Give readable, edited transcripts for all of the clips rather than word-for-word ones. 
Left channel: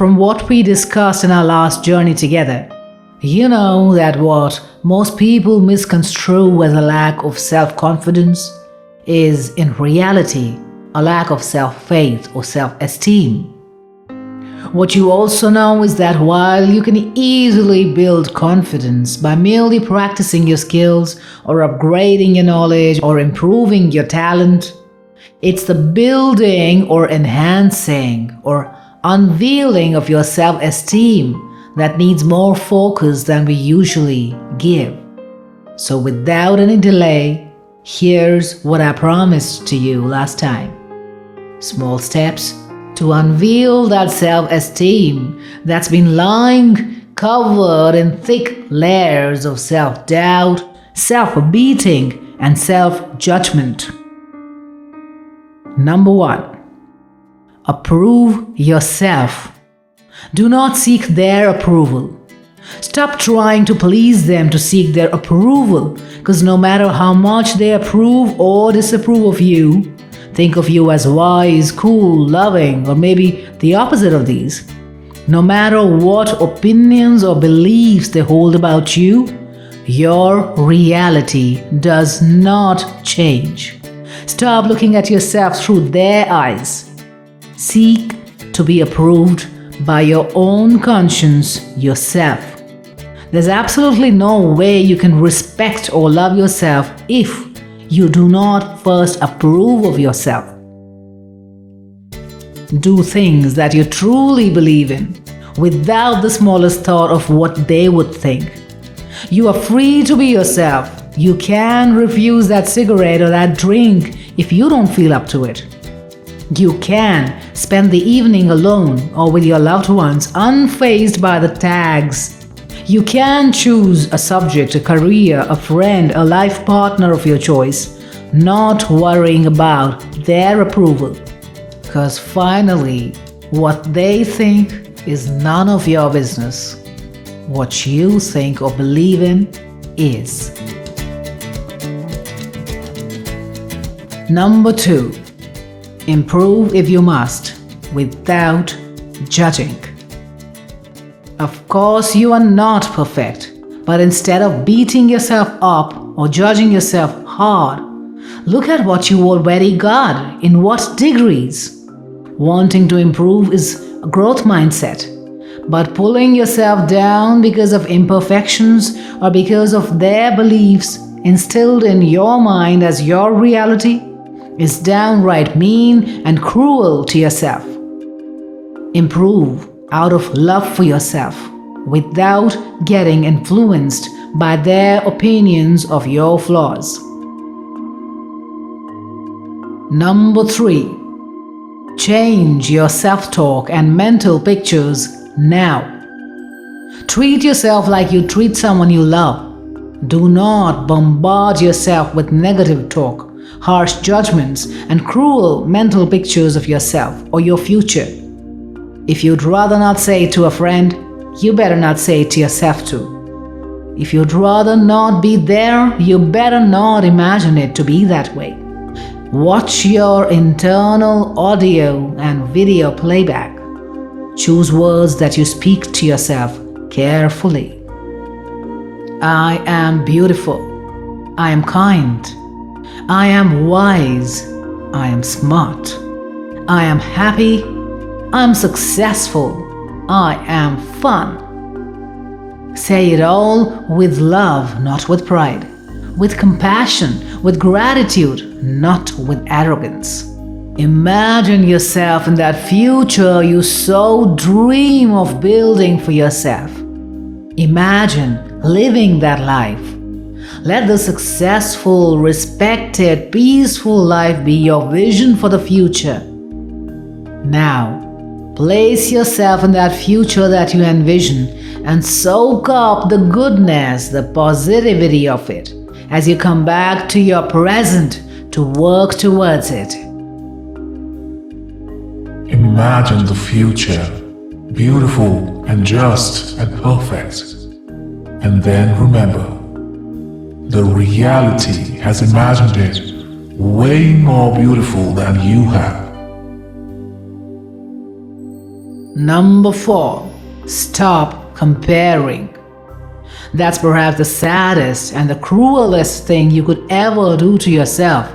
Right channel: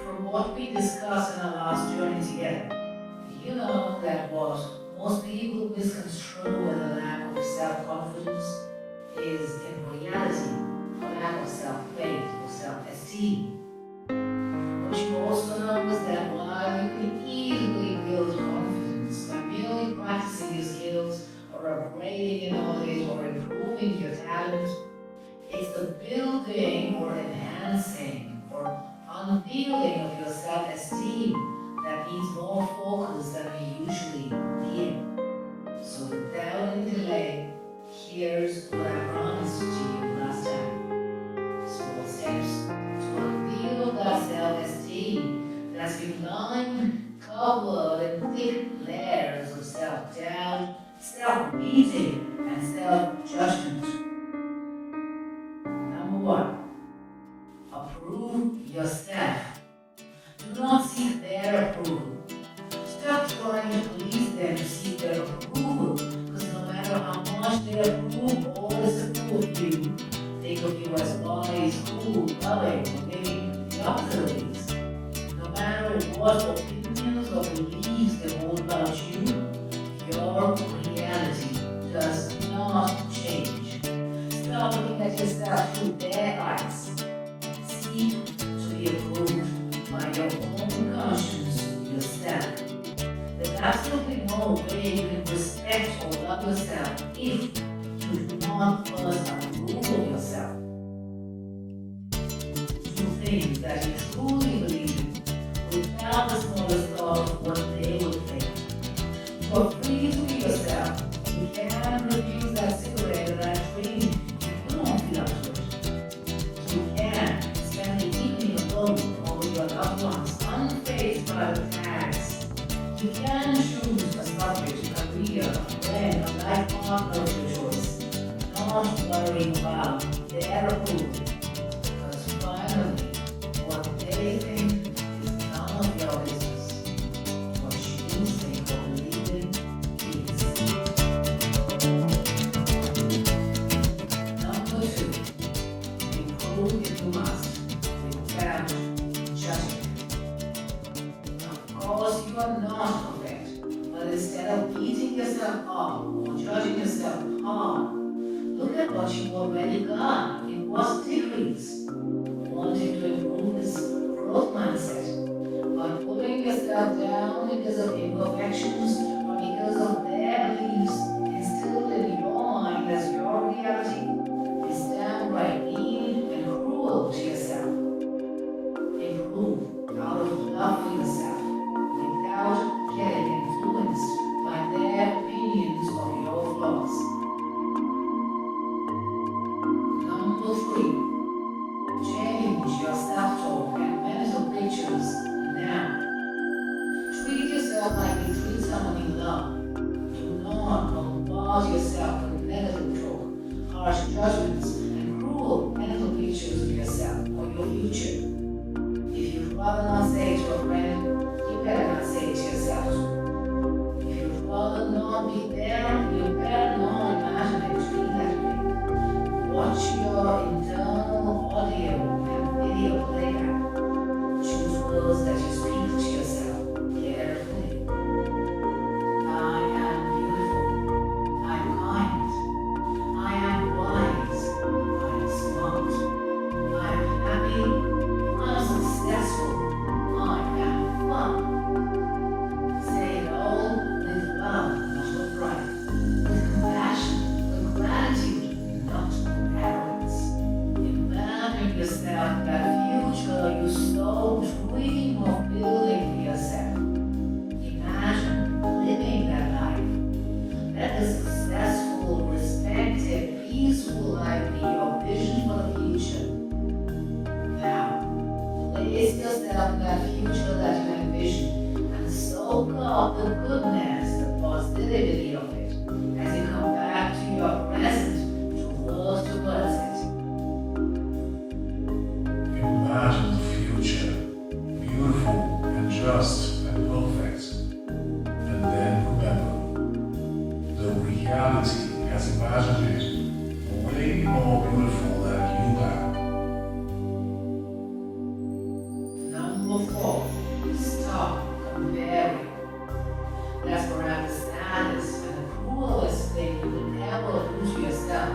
from what we discussed in our last journey together, you know that what most people misconstrue as a lack of self-confidence is in reality a lack of self-faith or self-esteem. What you also know is that while you can easily build confidence by merely practicing your skills or upgrading your knowledge or improving your talent, it's the building or enhancing or unveiling of your self-esteem that needs more focus than we usually give. So without any delay, here's what I promised to you last time. Small steps to unveil that self-esteem that's been lying covered in thick layers of self-doubt, self-beating, and self-judgment. Number 1. Approve yourself. Do not seek their approval. Stop trying to please them to seek their approval, because no matter how much they approve or disapprove of you, think of you as wise, cool, loving, or maybe the opposite of these. No matter what opinions or beliefs they hold about you, your reality does not change. Stop looking at yourself through their eyes. Seek to be approved by your own conscience yourself. There's absolutely no way you can respect or love yourself if you do not first approve of yourself. Do things that you truly believe in without the smallest thought of what they would think. You are free to be yourself. You can refuse that cigarette or that drink if you don't feel up to it. You can spend the evening alone or with your loved ones unfazed by the tags. You can choose a subject, a career, a friend, a life partner of your choice, not worrying about their approval. Because finally, what they think is none of your business. What you think or believe in is. Number 2. Improve if you must, without judging. Of course, you are not perfect, but instead of beating yourself up or judging yourself hard, look at what you already got, in what degrees. Wanting to improve is a growth mindset, but pulling yourself down because of imperfections or because of their beliefs instilled in your mind as your reality is downright mean and cruel to yourself. Improve out of love for yourself without getting influenced by their opinions of your flaws. Number 3. Change your self-talk and mental pictures now. Treat yourself like you treat someone you love. Do not bombard yourself with negative talk, harsh judgments, and cruel mental pictures of yourself or your future. If you'd rather not say it to a friend, you better not say it to yourself too. If you'd rather not be there, you better not imagine it to be that way. Watch your internal audio and video playback. Choose words that you speak to yourself carefully. I am beautiful. I am kind. I am wise. I am smart. I am happy. I am successful. I am fun. Say it all with love, not with pride. With compassion, with gratitude, not with arrogance. Imagine yourself in that future you so dream of building for yourself. Imagine living that life. Let the successful, respected, peaceful life be your vision for the future. Now, place yourself in that future that you envision and soak up the goodness, the positivity of it as you come back to your present to work towards it. Imagine the future, beautiful and just and perfect. And then remember, the reality has imagined it way more beautiful than you have. Number 4. Stop comparing. That's perhaps the saddest and the cruelest thing you could ever do to yourself.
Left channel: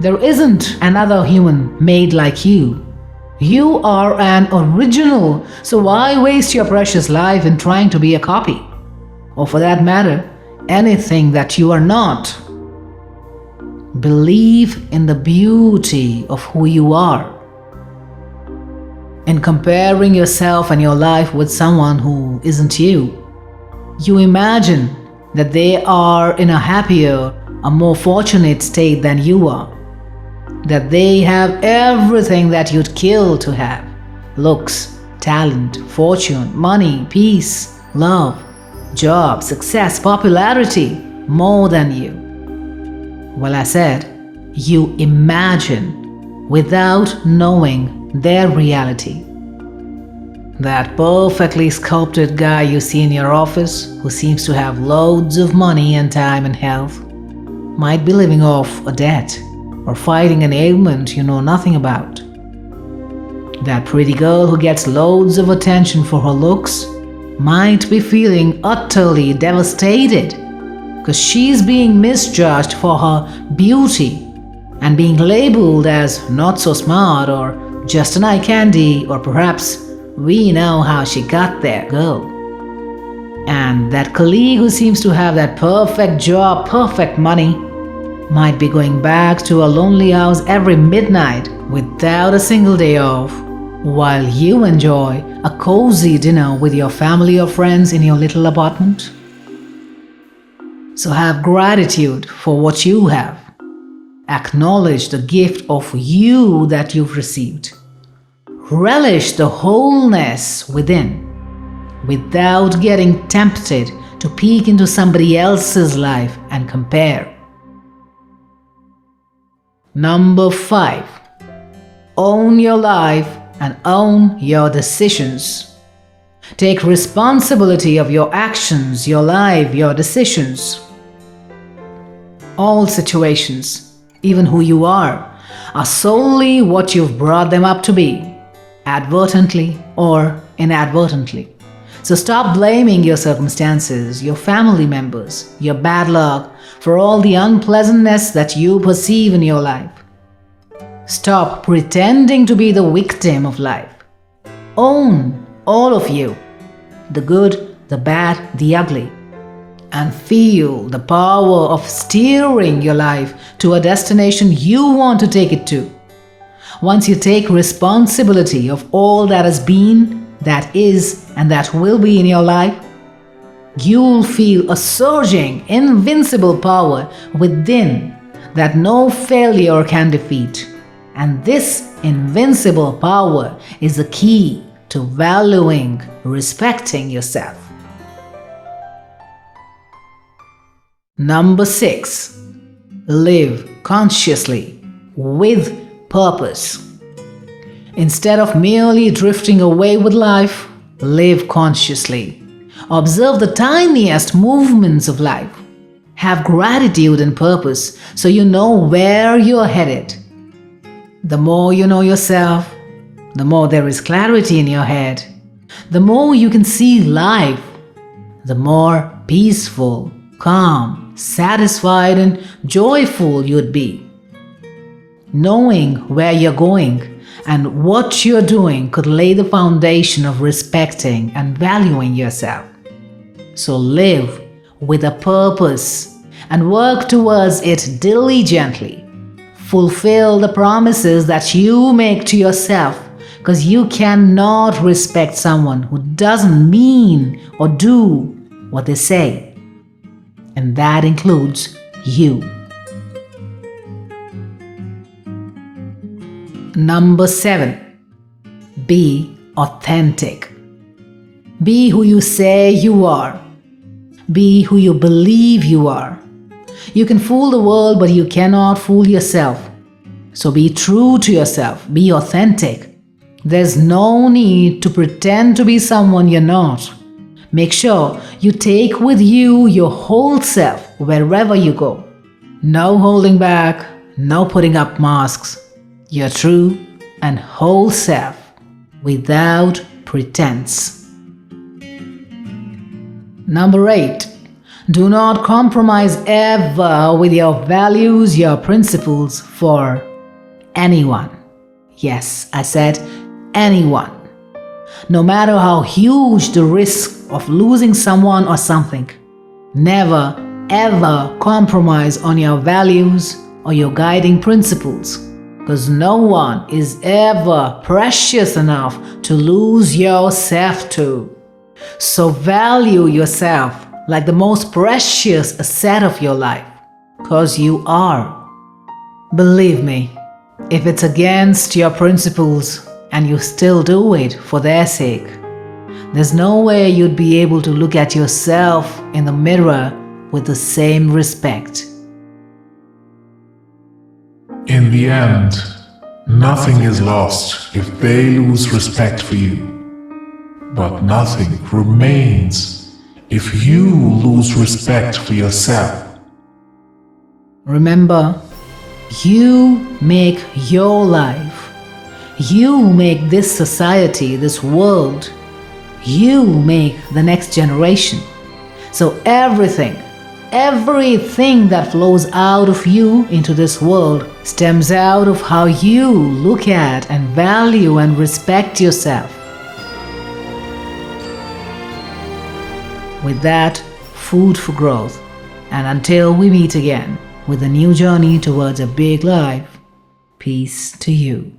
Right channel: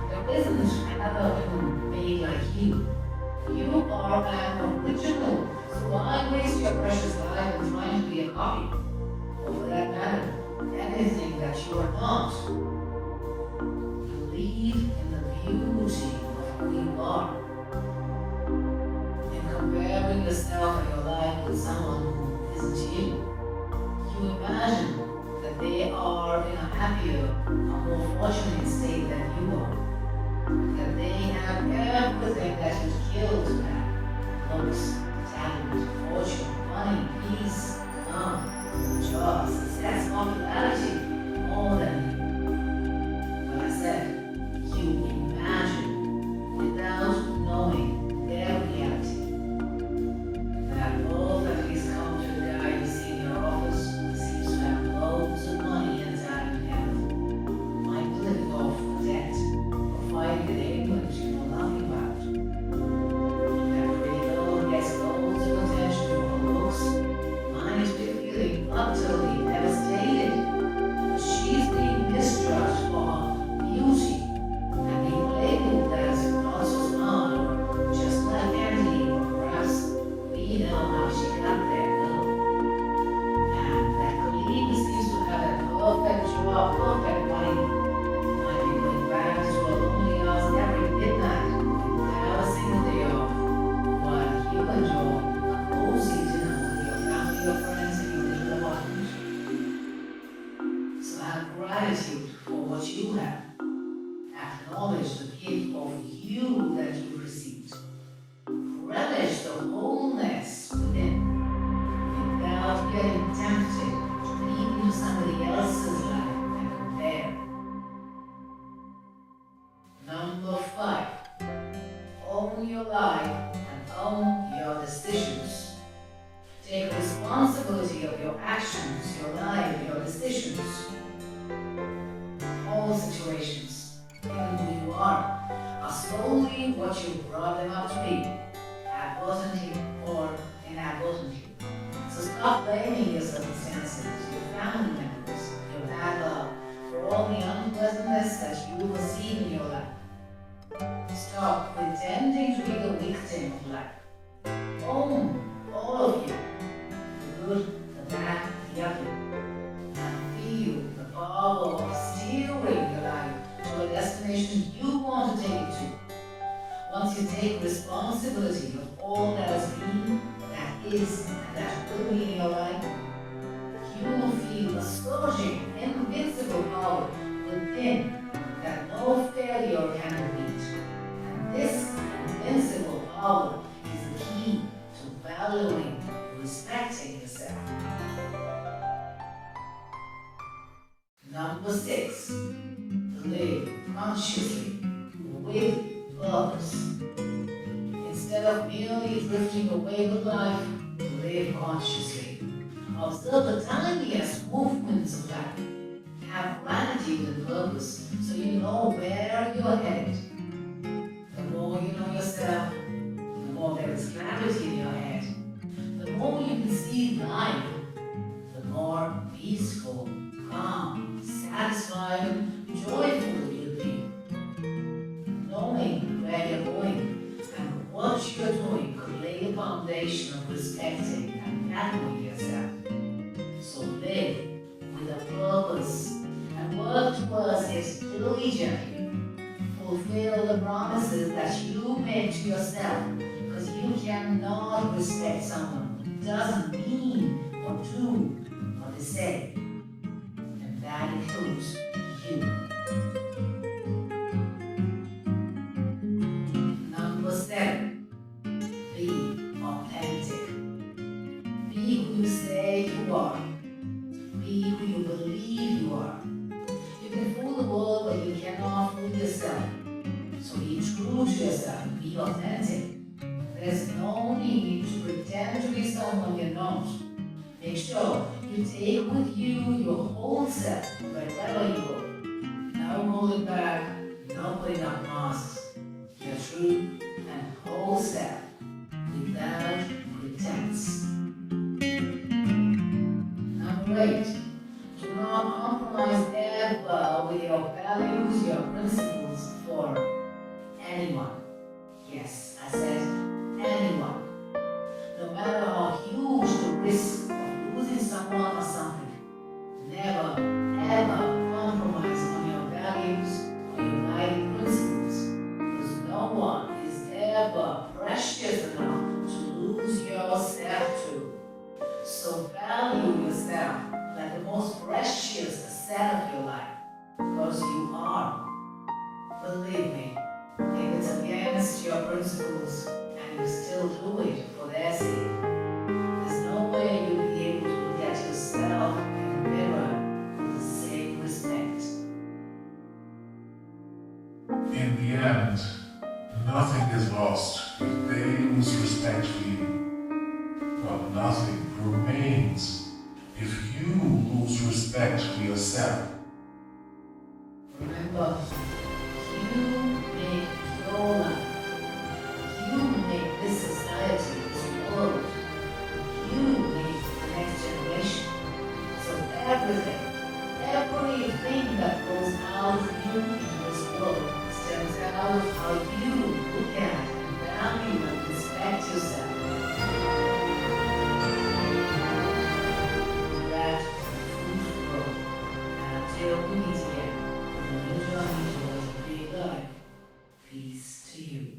There isn't another human made like you. You are an original, so why waste your precious life in trying to be a copy? Or for that matter, anything that you are not. Believe in the beauty of who you are. In comparing yourself and your life with someone who isn't you, you imagine that they are in a happier, a more fortunate state than you are. That they have everything that you'd kill to have: looks, talent, fortune, money, peace, love, job, success, popularity, more than you. Well, I said, you imagine without knowing their reality. That perfectly sculpted guy you see in your office, who seems to have loads of money and time and health, might be living off a debt or fighting an ailment you know nothing about. That pretty girl who gets loads of attention for her looks might be feeling utterly devastated because she's being misjudged for her beauty and being labeled as not so smart or just an eye candy, or perhaps we know how she got there girl. And that colleague who seems to have that perfect job, perfect money, might be going back to a lonely house every midnight without a single day off, while you enjoy a cozy dinner with your family or friends in your little apartment. So have gratitude for what you have. Acknowledge the gift of you that you've received. Relish the wholeness within, without getting tempted to peek into somebody else's life and compare. Number 5. Own your life and own your decisions. Take responsibility of your actions, your life, your decisions. All situations, even who you are solely what you've brought them up to be, advertently or inadvertently. So stop blaming your circumstances, your family members, your bad luck for all the unpleasantness that you perceive in your life. Stop pretending to be the victim of life. Own all of you, the good, the bad, the ugly, and feel the power of steering your life to a destination you want to take it to. Once you take responsibility of all that has been, that is, and that will be in your life, you'll feel a surging, invincible power within that no failure can defeat. And this invincible power is the key to valuing, respecting yourself. Number 6. Live consciously, with purpose. Instead of merely drifting away with life, live consciously. Observe the tiniest movements of life. Have gratitude and purpose so you know where you're headed. The more you know yourself, the more there is clarity in your head. The more you can see life, the more peaceful, calm, satisfied, and joyful you'd be. Knowing where you're going and what you're doing could lay the foundation of respecting and valuing yourself. So live with a purpose and work towards it diligently. Fulfill the promises that you make to yourself, because you cannot respect someone who doesn't mean or do what they say. And that includes you. Number 7. Be authentic. Be who you say you are. Be who you believe you are. You can fool the world, but you cannot fool yourself. So be true to yourself. Be authentic. There's no need to pretend to be someone you're not. Make sure you take with you your whole self wherever you go. No holding back, no putting up masks. Your true and whole self without pretense. Number 8. Do not compromise ever with your values, your principles for anyone. Yes, I said anyone. No matter how huge the risk of losing someone or something, never ever compromise on your values or your guiding principles, because no one is ever precious enough to lose yourself to. So value yourself like the most precious asset of your life, because you are. Believe me, if it's against your principles and you still do it for their sake, there's no way you'd be able to look at yourself in the mirror with the same respect. In the end, nothing is lost if they lose respect for you. But nothing remains if you lose respect for yourself. Remember, you make your life. You make this society, this world. You make the next generation. So everything that flows out of you into this world stems out of how you look at and value and respect yourself. With that, food for growth. And until we meet again with a new journey towards a big life, peace to you.